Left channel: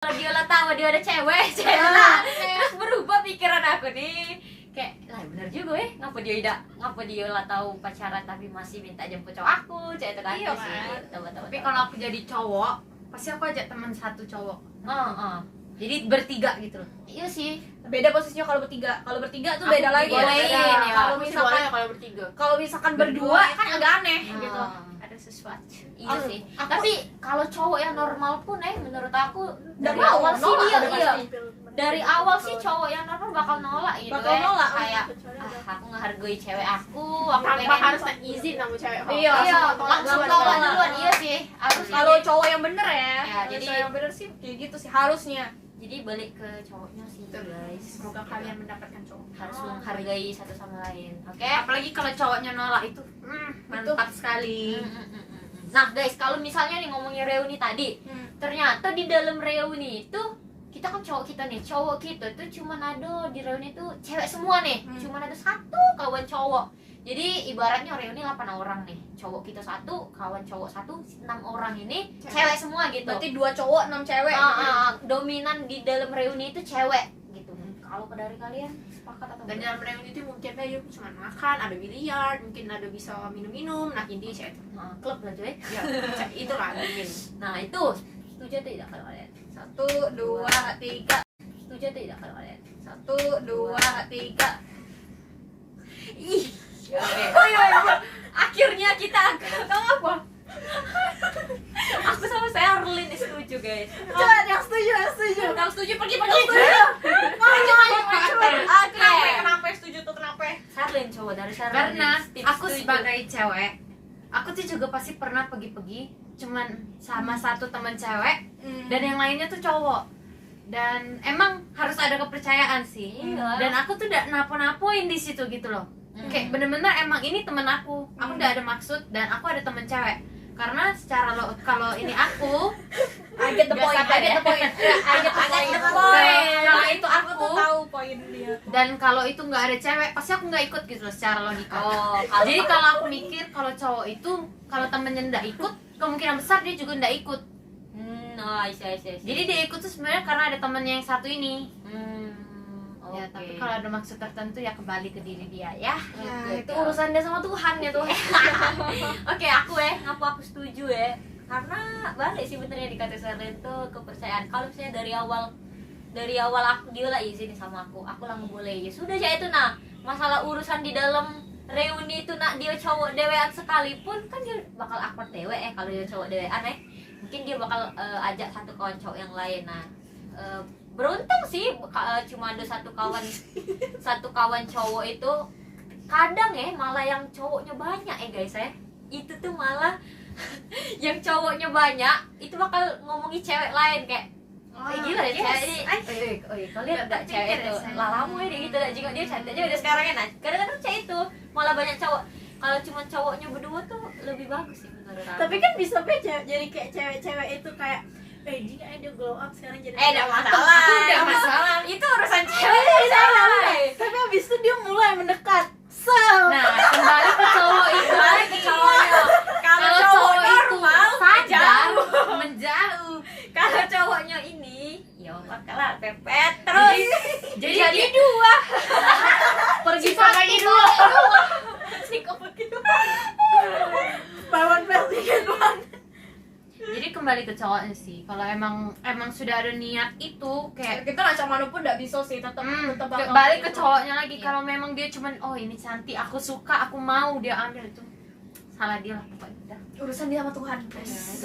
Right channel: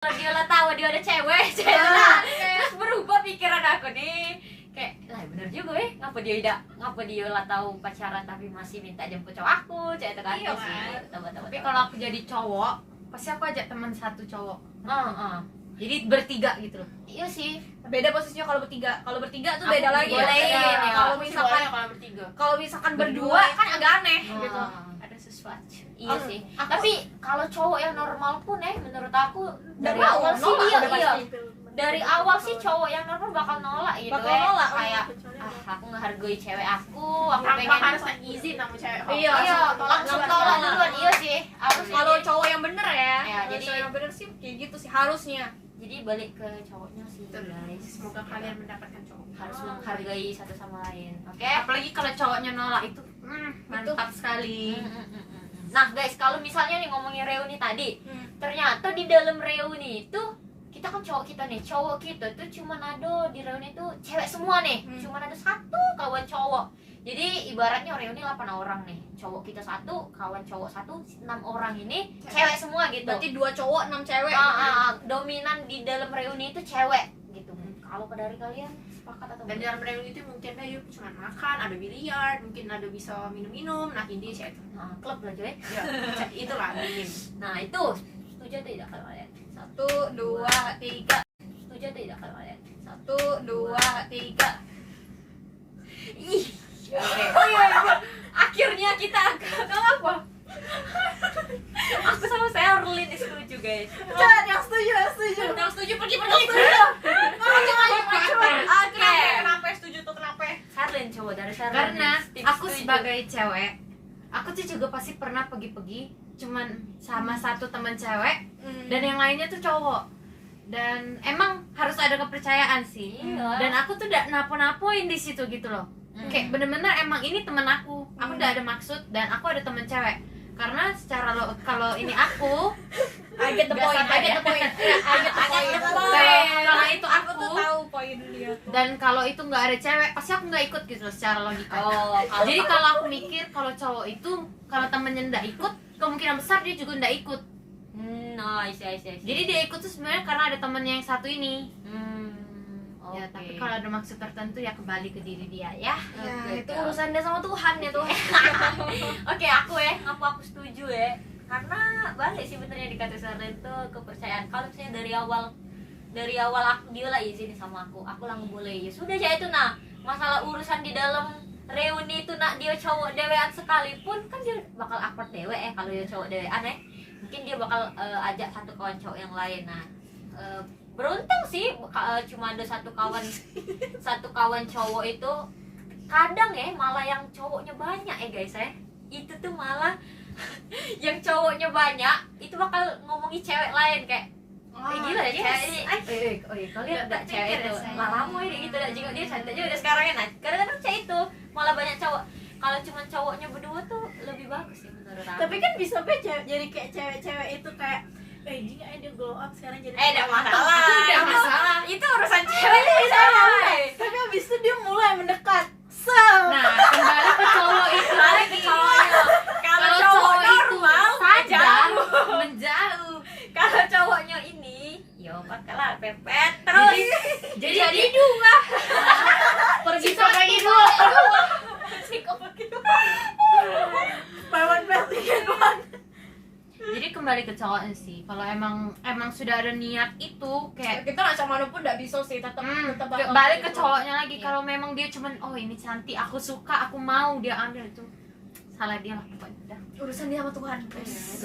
Kalau dia lah tahu dia ada cewek, terus berubah pikiran aku nih. Kayak lah bener juga ngapa dia lah tahu pacaran tapi masih minta jemput cowok aku, cewek itu kan. Iya, kan? Tapi Tapi kalau aku jadi cowok, pasti aku ajak teman satu cowok. jadi Jadi bertiga gitu loh. iya sih. Beda posisinya kalau bertiga. Kalau bertiga tuh Aku beda lagi. bolehin, Ya. ya. Kalau Aku sih misalkan boleh kalau bertiga. kalau misalkan berdua kan agak aneh gitu. Ada sesuatu. Iya Aku- sih. aku- Tapi kalau cowok yang normal pun menurut aku dari Nggak mau, awal sih nolak dia udah pasti. dari awal sih cowok yang normal bakal nolak gitu. Bakal nolak. Kayak aku ngehargai cewek aku Tanpa pengen harus izin sama cewek. Iya, langsung tolak duluan. Iya sih. Harus Kalau cowok yang bener ya, Ya, kalau jadi- cowok yang bener sih kayak gitu sih harusnya. jadi balik ke cowoknya sih guys. Semoga kalian mendapatkan cowok. Harus menghargai satu sama lain. Oke? Apalagi kalau cowoknya nolak itu, mantap sekali. Nah guys, kalau misalnya nih ngomongin reuni tadi, Hmm. ternyata di dalam reuni itu kita kan cowok kita tuh cuman ada di reuni itu cewek semua nih, cuman ada satu kawan cowok. Jadi ibaratnya reuni 8 orang nih, cowok kita satu, kawan cowok satu, 6 orang ini cewek semua gitu. Berarti 2 cowok 6 cewek. Dominan di dalam reuni itu cewek gitu. Kalau dari kalian sepakat atau Dan enggak? dalam reuni itu mungkin yuk cuma makan, ada biliar, mungkin ada bisa minum-minum. Nah intinya saya itu. Nah, klub lah coy. Ya, itulah mungkin. Nah itu setuju atau tidak kalau kalian? 1 2 3. Setuju atau tidak kalau kalian? 1 2 3. Ih, oke. Oh iya. Akhirnya kita Kenapa? aku sama Sherlyn setuju guys. Jangan yang setuju. Yang setuju pergi. Oke. Kenapa setuju tuh kenapa? Sherlyn coba dari Sherlyn. Karena Tim aku setuju. sebagai cewek, aku tuh juga pasti pernah pergi-pergi cuman sama satu teman cewek dan yang lainnya tuh cowok. Dan emang harus ada kepercayaan sih. Iya. Dan aku tuh udah napo-napoin di situ gitu loh. Kayak bener-bener emang ini temen aku udah ada maksud dan aku ada temen cewek. Karena secara kalau ini aku I get the Nggak point. sampai I get the point. I get the point. kalau itu Aku tuh aku tahu poin dia. dan kalau itu nggak ada cewek pasti aku nggak ikut gitu loh secara logika. Oh, kalau Jadi kalau aku mikir kalau cowok itu kalau temennya nggak ikut kemungkinan besar dia juga nggak ikut. iya. Jadi dia ikut tuh sebenarnya karena ada temennya yang satu ini. Ya oke. tapi kalau ada maksud tertentu ya kembali ke diri dia ya. Ya, itu urusan dia sama Tuhan ya tuh. Oke, aku aku setuju karena balik sih benernya dikata Sherlyn itu kepercayaan. Kalau misalnya dari awal aku dia lah izin sama aku lah boleh ya sudah ya itu. Nah masalah urusan di dalam reuni itu nak dia cowok dewean sekalipun kan dia bakal awkward dewe kalau dia cowok dewean mungkin dia bakal ajak satu kawan cowok yang lain. Nah beruntung sih cuma ada satu kawan cowok itu. Kadang malah yang cowoknya banyak guys itu tuh malah yang cowoknya banyak itu bakal ngomongin cewek lain kayak gila deh cewek. Kalian enggak cewek itu lama gitu dah juga dia cantik juga sekarang nah kadang-kadang cewek itu malah banyak cowok. Kalau cuma cowoknya berdua tuh lebih bagus sih menurut aku. Tapi kan bisa jadi kayak cewek-cewek itu kayak jika dia glow up sekarang jadi enggak masalah. Enggak masalah. Itu urusan cewek jadi salah. Tapi abis itu dia mulai mendekat. Nah, kembali ke cowok itu Balik ke lagi. cowoknya. Kalau Kalau cowok cowok itu normal sadar jauh. menjauh. Kalau cowoknya ini ya bakalan pepet terus. Jadi dua. Pergi Satu. pergi dua. Buy one plus ticket one. jadi kembali ke cowoknya sih. Kalau emang sudah ada niat itu kayak Kita macam mana pun nggak bisa sih tetap bakal balik ke gitu. cowoknya lagi. Iya. Kalau memang dia cuman oh ini cantik aku suka aku mau dia ambil itu salah dia lah pokoknya udah. Urusan dia sama Tuhan.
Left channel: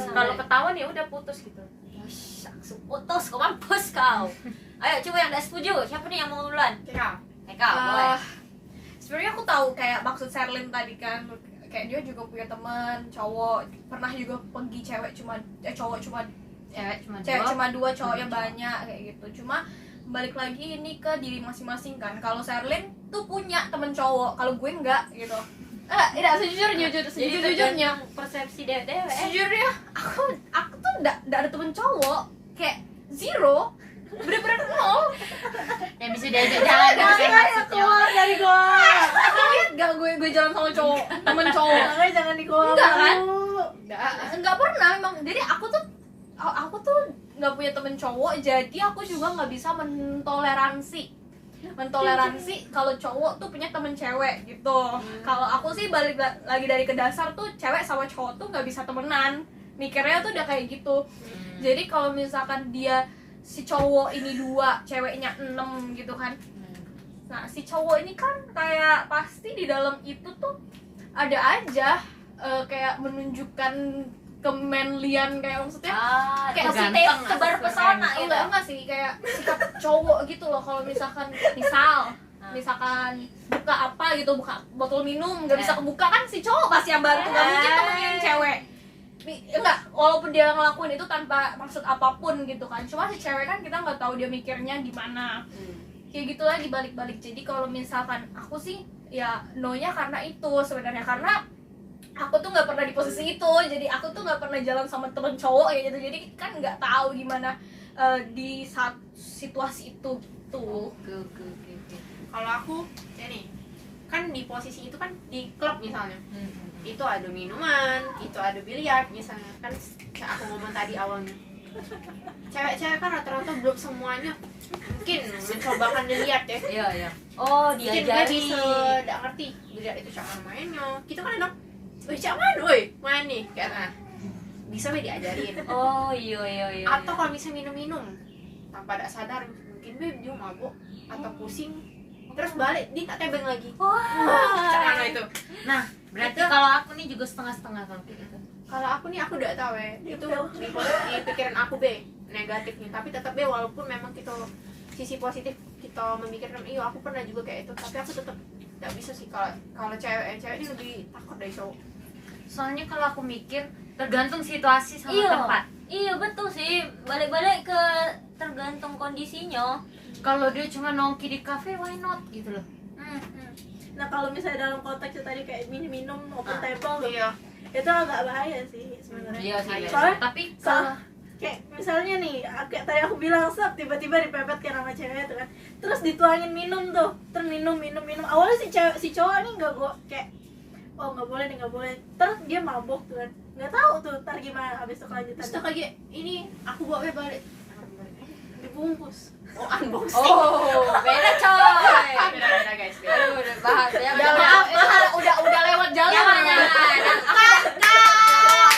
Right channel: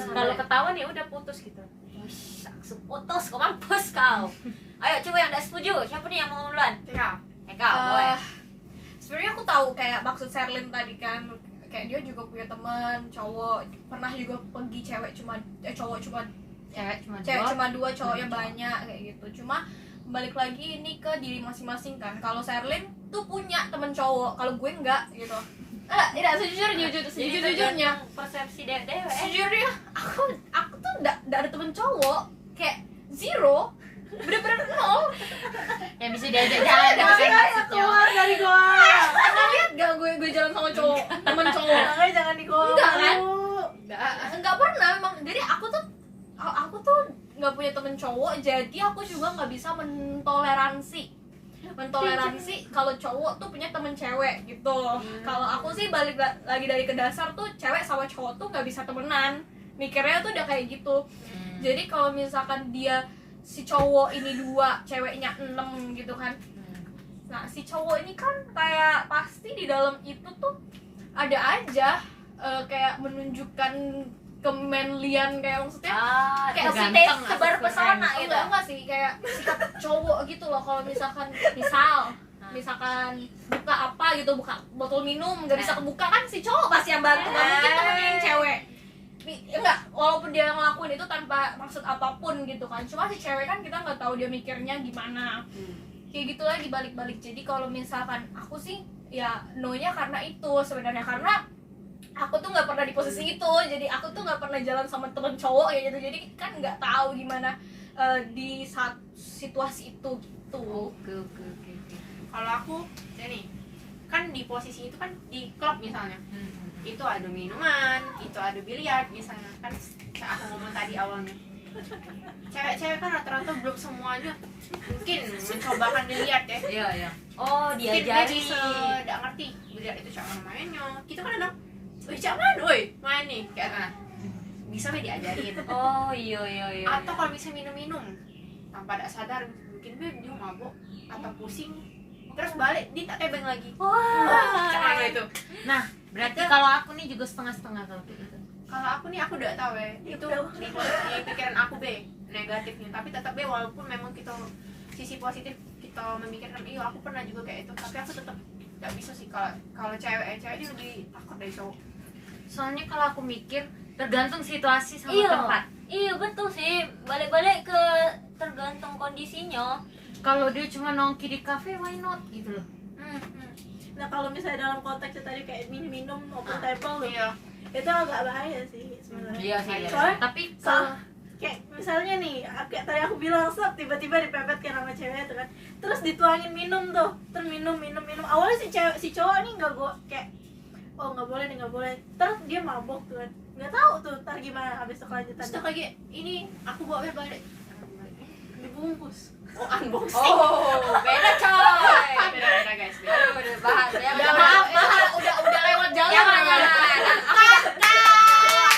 Kalau ketahuan ya udah putus gitu. Wush, langsung putus, kau mampus kau. Ayo coba yang tidak setuju. Siapa nih yang mau duluan? Eka, boleh. Sebenarnya aku tahu kayak maksud Sherlyn tadi kan kayak dia juga punya teman cowok pernah juga pergi cewek cuma cowok cuma Cewek cuma dua cowoknya Cowok. banyak kayak gitu. Cuma balik lagi ini ke diri masing-masing kan. Kalau Sherlyn tuh punya temen cowok, kalau gue enggak gitu. Tidak sejujurnya persepsi dewe. sejujurnya aku tuh enggak ada temen cowok kayak zero, bener-bener nol. yang bisa diajak jalan Gak bisa kayak maksudnya. keluar dari gua. Lihat gak gue jalan sama cowok, temen cowok. Makanya jangan di kolam. Enggak kan? Enggak. Enggak pernah emang. Jadi aku tuh nggak punya temen cowok, jadi aku juga nggak bisa mentoleransi kalau cowok tuh punya temen cewek gitu. Kalau aku sih balik lagi dari ke dasar tuh, cewek sama cowok tuh nggak bisa temenan, mikirnya tuh udah kayak gitu. Jadi kalau misalkan dia si cowok ini 2, ceweknya 6 gitu kan, nah si cowok ini kan kayak pasti di dalam itu tuh ada aja kayak menunjukkan kemanlian, kayak maksudnya kayak ganteng, sebar pesona gitu. enggak sih, kayak sikap cowok gitu loh. Kalau misalkan misalkan buka apa gitu, buka botol minum nggak bisa kebuka, kan si cowok pasti yang bantu, nggak mungkin temennya yang cewek. Enggak, walaupun dia ngelakuin itu tanpa maksud apapun gitu kan, cuma si cewek kan kita nggak tahu dia mikirnya gimana. Kayak gitu lagi balik-balik. Jadi kalau misalkan aku sih ya no-nya karena itu sebenarnya, karena aku tuh nggak pernah di posisi itu, jadi aku tuh nggak pernah jalan sama temen cowok ya gitu, jadi kan nggak tahu gimana di saat situasi itu gitu. Oke. Kalau aku ini kan di posisi itu kan di klub misalnya, itu ada minuman, itu ada biliar misalnya, kan kayak aku ngomong tadi awalnya, cewek-cewek kan rata-rata belum semuanya mungkin mencobakan biliar ya. Iya. Oh, Mungkin dia diajari. bisa nggak ngerti biliar itu cara mainnya. Kita kan ada, wih jangan, woi main nih kayak bisa be diajarin. Oh, iya. Atau kalau misalnya minum-minum tanpa ada sadar, mungkin be dia mabuk atau pusing, terus balik dia tak tebeng lagi. Wah. Cara itu. Nah, berarti Itu- kalau aku nih juga setengah-setengah kalau kayak gitu. Kalau aku nih, aku udah tahu ya, itu di pikiran aku be negatifnya, tapi tetap be walaupun memang kita sisi positif kita memikirkan, iya aku pernah juga kayak itu, tapi aku tetap nggak bisa sih. Kalau cewek ini lebih takut dari cowok. Soalnya kalau aku mikir tergantung situasi sama Iya. tempat. Iya betul sih, balik-balik ke tergantung kondisinya. Kalau dia cuma nongki di cafe, why not gitu loh. Nah kalau misalnya dalam konteks tadi kayak minum open table tuh, Iya. itu agak bahaya sih sebenarnya. Iya sih. Soalnya Tapi kalau kayak misalnya nih, kayak tadi aku bilang tiba-tiba dipepet kan sama cewek itu kan, terus dituangin minum tuh, terus minum. Awalnya si cowok nih nggak kayak oh nggak boleh, terus dia mabuk tuh kan, nggak tahu tuh ntar gimana habis itu kelanjutan. Terus tuh kayak ini aku bawa be balik Dibungkus. oh unboxing. Oh, beda coy. Beda guys. Aduh, udah bahas ya. Udah maaf, udah lewat jalan. Ya,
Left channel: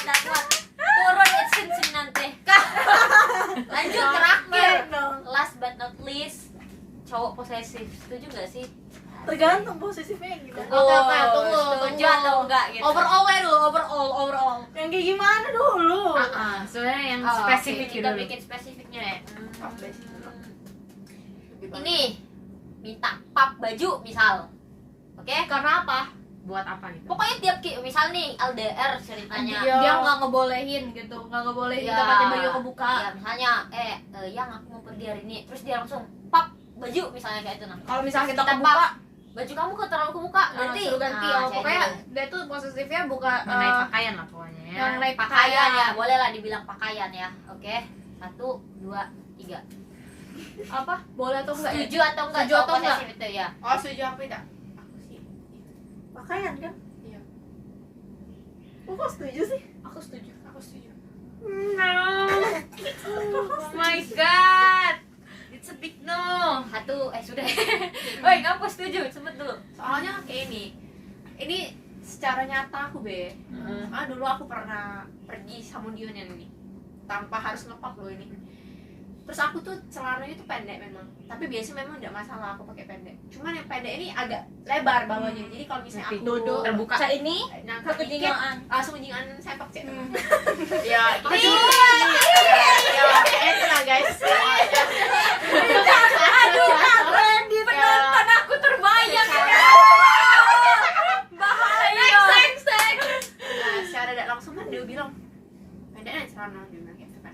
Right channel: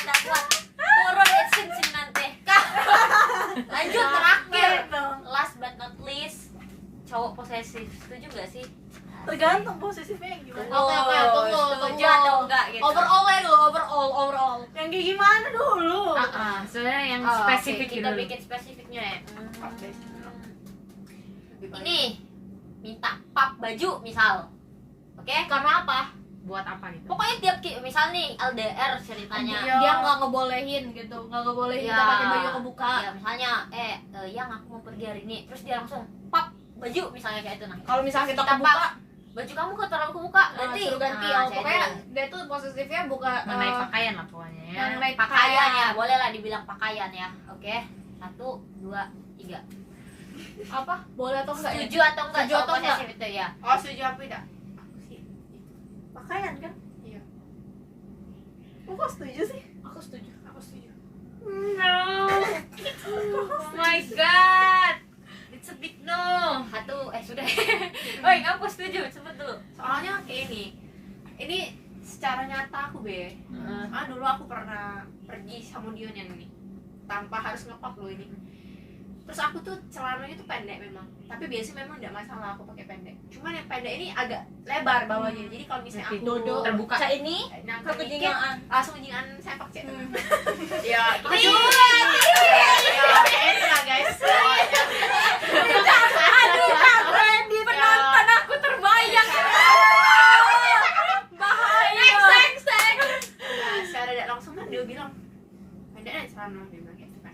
Aku kuat. Turun ya sini nanti. Lanjut terakhir. Last but not least, cowok posesif. Setuju gak sih? Tergantung posisinya gimana. Oke, tunggu. Setuju atau enggak gitu? Overall. Yang kayak gimana dulu? sebenarnya yang Oh, spesifik oke, kita dulu. bikin spesifiknya ya. Oke. Ini minta pap baju misal. Oke, karena apa? Buat apa gitu? Pokoknya tiap misal nih LDR ceritanya. Dia nggak ngebolehin gitu, nggak ngebolehin Iya. kita pakai baju kebuka. Ya misalnya yang aku mau pergi hari ini, terus dia langsung pap baju misalnya kayak itu. Nah, Kalau misalnya kita Kita kebuka, baju kamu terlalu kebuka, ganti. suruh ganti. Nah, Pokoknya kayak gitu. dia tuh posesifnya buka Mengenai pakaian lah pokoknya ya. mengenai Pakaian ya, boleh lah dibilang pakaian ya. Oke, 1, 2, 3. Apa? Boleh atau enggak? Setuju atau enggak? Setuju atau cowok enggak? posesif itu ya. Oh setuju apa tidak? Aku sih. Pakaian kan? Iya. Kok setuju sih? Aku setuju. Aku setuju. No. Oh my god. It's a big no. Sudah. Woi, kamu setuju? Sebut dulu. Soalnya kayak ini secara nyata aku be. Dulu aku pernah pergi sama Dion yang ini tanpa harus ngepap loh ini. Terus aku tuh celananya tuh pendek memang, tapi biasanya memang tidak masalah aku pakai pendek. Cuman yang pendek ini agak lebar bawahnya, jadi kalau misalnya aku Dodo terbuka. Cak ini nah kekejingan. langsung jingan sempak cek. Ya, Ya, itu lah guys. Aduh, Kak Brandy, penonton aku terbayang ya. Bahaya. Nah, secara tidak langsung kan dia bilang pendeknya celana, dia bilang gitu kan.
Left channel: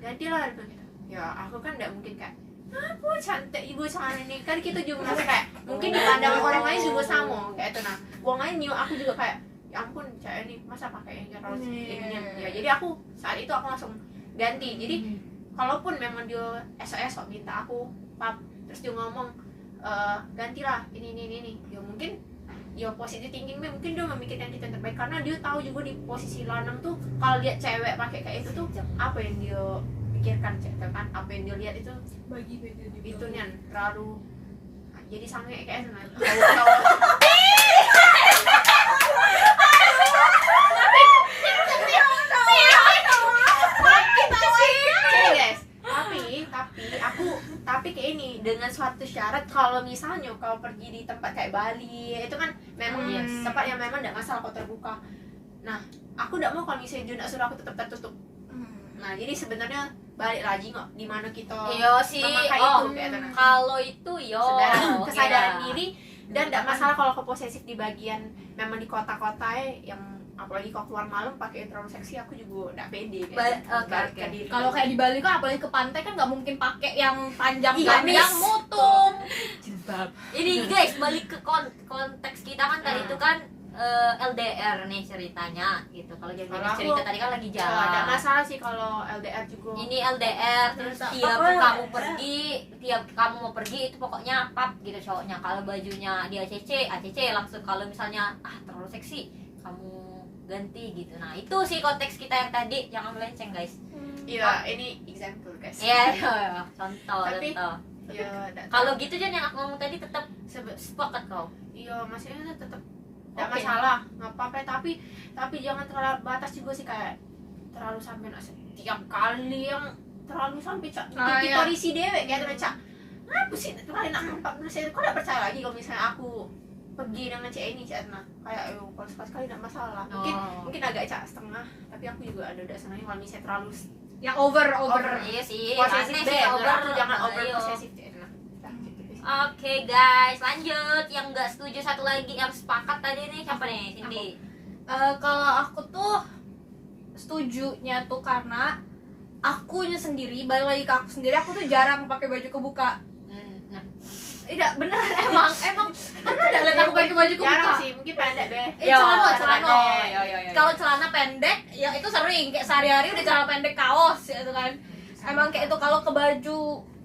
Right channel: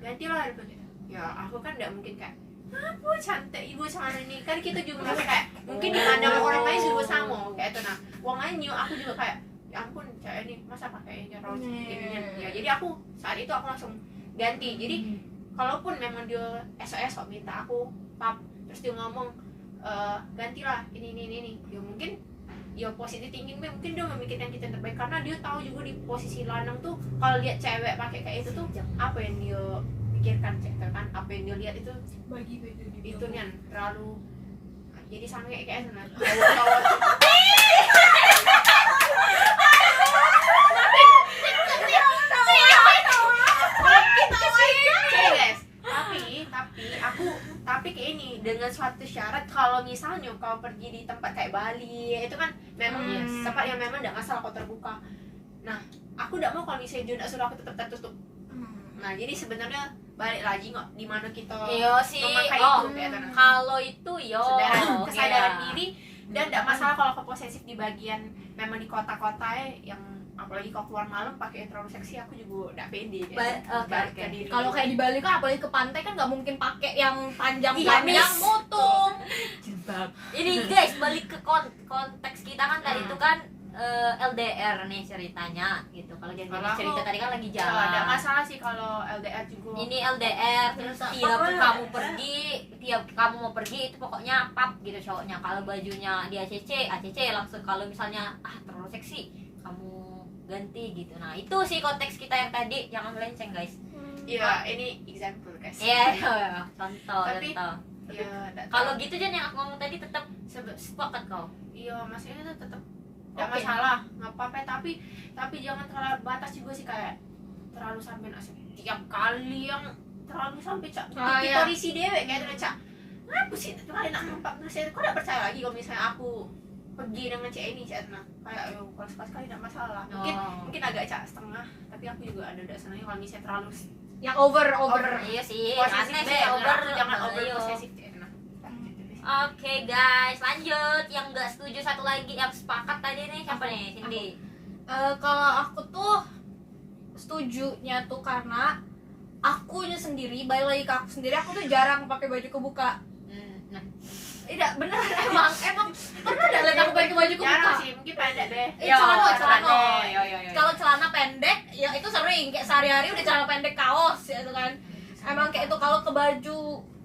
Gantilah dia bilang gitu. Ya aku kan tidak mungkin kayak apa cantik ibu celana ini, kan kita juga merasa kayak mungkin di pandangan orang lain juga sama kayak itu. Nah uangnya new aku juga kayak ya ampun cewek ini masa pakai yang terus ininya ya. Jadi aku saat itu aku langsung ganti. Jadi kalaupun memang dia esok minta aku pap, terus dia ngomong gantilah ini ya mungkin ya positif thinking mungkin dia memikirkan kita yang terbaik, karena dia tahu juga di posisi lanang tuh kalau lihat cewek pakai kayak itu tuh apa yang dia pikirkan cek kan apa yang dia lihat itu bagi baju di itu nih terlalu jadi sange kayak sana guys tapi kayak ini dengan suatu syarat kalau misalnya kau pergi di tempat kayak Bali itu kan memang tempat yang memang tidak masalah kau terbuka. Nah aku tidak mau kalau misalnya dia tidak suruh aku tetap tertutup. Nah jadi sebenarnya balik lagi kok di mana kita Iya sih. memakai Oh, itu kayak gitu. kalau itu yo Kesadaran iya. diri dan tidak masalah kalau kau posesif di bagian memang di kota-kota yang apalagi kalau keluar malam pakai yang terlalu seksi aku juga tidak pede Oke. Kalau kayak di Bali kan apalagi ke pantai kan nggak mungkin pakai yang panjang-panjang Gamis. mutung. Ini guys, balik ke konteks kita kan tadi itu kan LDR nih ceritanya gitu. Kalau jadi Kalau aku, cerita tadi kan lagi tidak jalan. masalah sih kalau LDR juga Ini LDR terus tiap kamu mau pergi itu pokoknya pap gitu cowoknya. Kalau bajunya dia ACC langsung. Kalau misalnya terlalu seksi kamu ganti gitu. Nah itu sih konteks kita yang tadi, jangan melenceng guys. iya ini example guys Iya, contoh. Tapi- iya Kalau gitu Jan yang aku ngomong tadi tetap sepakat kau. iya maksudnya itu tetap tidak Oke. masalah nggak apa-apa tapi jangan terlalu batas juga sih kayak terlalu sampai tiap kali yang terlalu sampai cak kita risi dewek kayak tuh cak apa sih kalian nak nampak saya kok tidak percaya lagi kalau misalnya aku pergi dengan cewek ini cak nah kayak kalau sekali tidak masalah mungkin agak cak setengah tapi aku juga ada senangnya kalau misalnya terlalu Yang over. Iya sih, posesif aneh deh sih over. aku jangan over Ayo. posesif cak nah Oke guys, lanjut. Yang nggak setuju satu lagi, yang sepakat tadi nih siapa nih? Cindy. Kalau aku tuh setujunya tuh karena akunya sendiri, balik lagi ke aku sendiri, aku tuh jarang pakai baju kebuka. Nah, Tidak bener emang karena udah lihat aku pakai baju kebuka. jarang sih mungkin pendek deh Celana. Yo. Kalau celana pendek ya itu sering kayak sehari-hari udah celana pendek kaos ya itu kan. Emang kayak itu kalau ke baju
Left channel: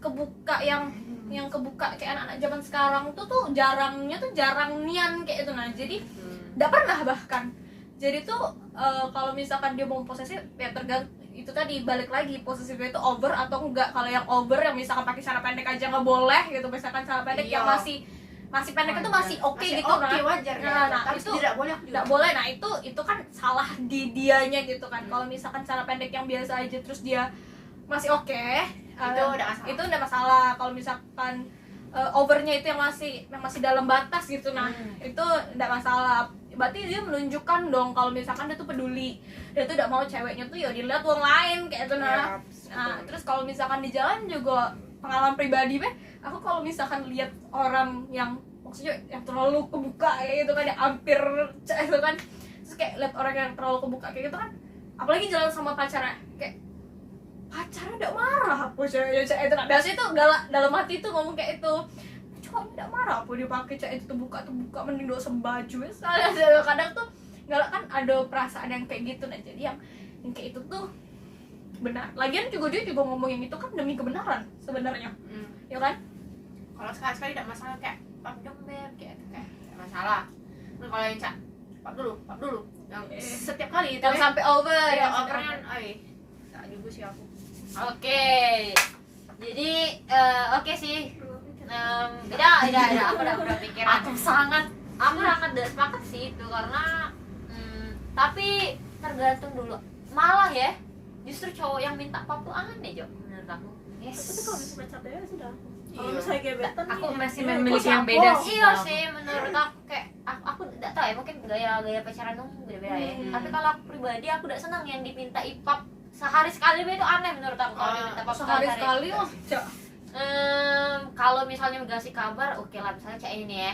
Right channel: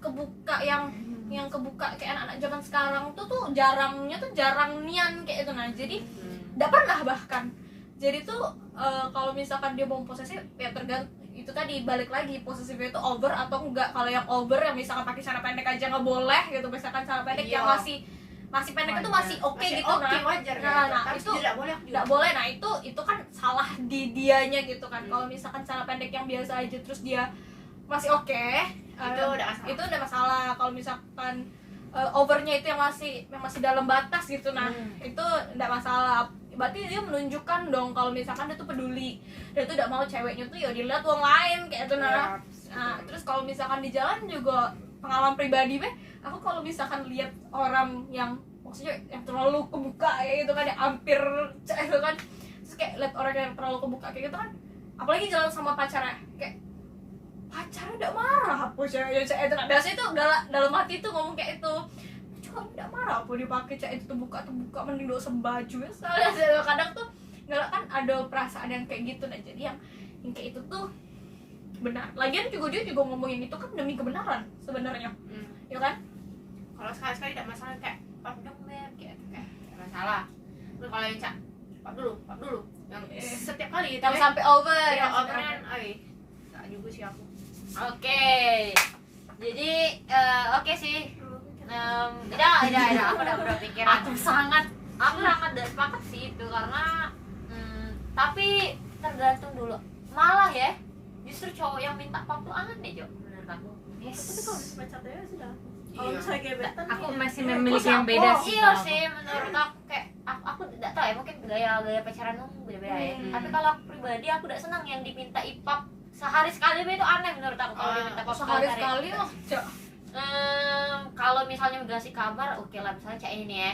kebuka yang kebuka kayak anak-anak zaman sekarang tuh jarang nian kayak itu. Nah jadi nggak pernah bahkan jadi tuh kalau misalkan dia mau posesif ya tergantung itu tadi, balik lagi posesifnya itu over atau enggak. Kalau yang over yang misalkan pakai celana pendek aja nggak boleh gitu, misalkan celana pendek yang masih pendek itu masih oke gitu oke kan. wajar Nah, tapi itu tidak boleh aku juga nggak boleh. Nah itu kan salah di dianya gitu kan. Kalau misalkan celana pendek yang biasa aja terus dia masih oke, itu udah masalah itu udah masalah. Kalau misalkan overnya itu yang masih dalam batas gitu, nah itu enggak masalah. Berarti dia menunjukkan dong kalau misalkan dia tuh peduli, dia tuh udah mau ceweknya tuh ya dilihat orang lain kayak itu. Nah terus kalau misalkan di jalan juga pengalaman pribadi aku kalau misalkan lihat orang yang maksudnya yang terlalu kebuka kayak gitu kan, yang hampir itu kan, terus kayak lihat orang yang terlalu kebuka kayak gitu kan, apalagi jalan sama pacarnya, kayak pacarnya udah marah apa ceweknya itu kan. Biasanya tuh galak dalam hati tuh ngomong kayak itu, cuma udah marah apa dia pakai cewek itu buka mending doa baju ya. Soalnya kadang tuh galak kan ada perasaan yang kayak gitu. Nah jadi yang kayak itu tuh benar. Lagian juga dia juga ngomongin itu kan demi kebenaran sebenarnya, ya kan? kalau sekali-sekali tidak masalah kayak pap dong beb kayak tidak masalah. Nah, kalau yang cak pap dulu yang setiap kali itu Yang sampai over, ya yang overan tak juga sih aku Oke. Jadi oke sih. Tidak, aku udah berpikiran. Aku sangat sepakat sih itu karena tapi tergantung dulu. Malah ya, justru cowok yang minta pap tuh aneh Jo menurut aku. Tapi kalau misalnya pacar ya sudah. Kalau misalnya gebetan Aku nih, masih ya, memiliki kok yang beda siapa? sih. Iya sih menurut aku kayak aku tidak tahu ya, mungkin gaya pacaran tuh beda-beda ya. Tapi kalau aku pribadi aku tidak senang yang diminta ipap sehari sekali itu aneh menurut aku. Kalau diminta pap sehari sekali loh. Kalau misalnya udah kasih kabar oke lah, misalnya kayak ini ya,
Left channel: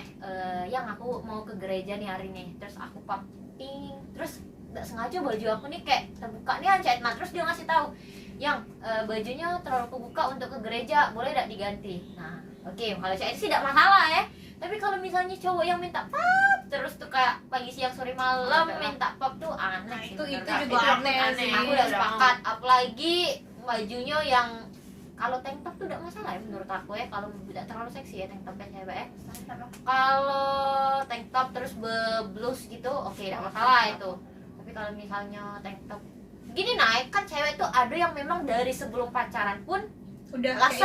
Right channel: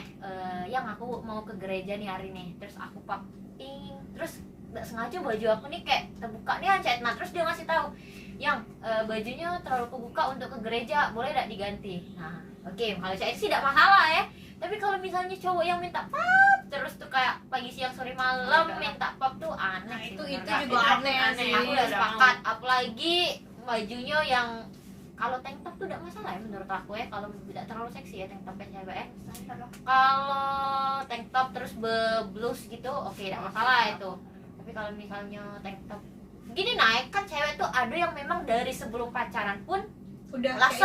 yang aku mau ke gereja nih hari ini, terus aku pap ting, terus nggak sengaja baju aku nih kayak terbuka nih ancet, nah terus dia ngasih tahu yang bajunya terlalu kebuka untuk ke gereja, boleh tidak diganti. Nah oke, kalau saya sih tidak masalah ya. Tapi kalau misalnya cowok yang minta pap terus tuh kayak pagi siang sore malam minta pap tuh aneh. Nah, sih itu menurut juga aku. aneh sih. Aku udah sepakat, apalagi bajunya yang kalau tank top tuh tidak masalah ya menurut aku ya, kalau tidak terlalu seksi ya tank topnya cewek ya. Kalau tank top terus blus gitu oke tidak masalah itu. Tapi kalau misalnya tank top gini naik kan cewek tuh ada yang memang dari sebelum pacaran pun Udah langsung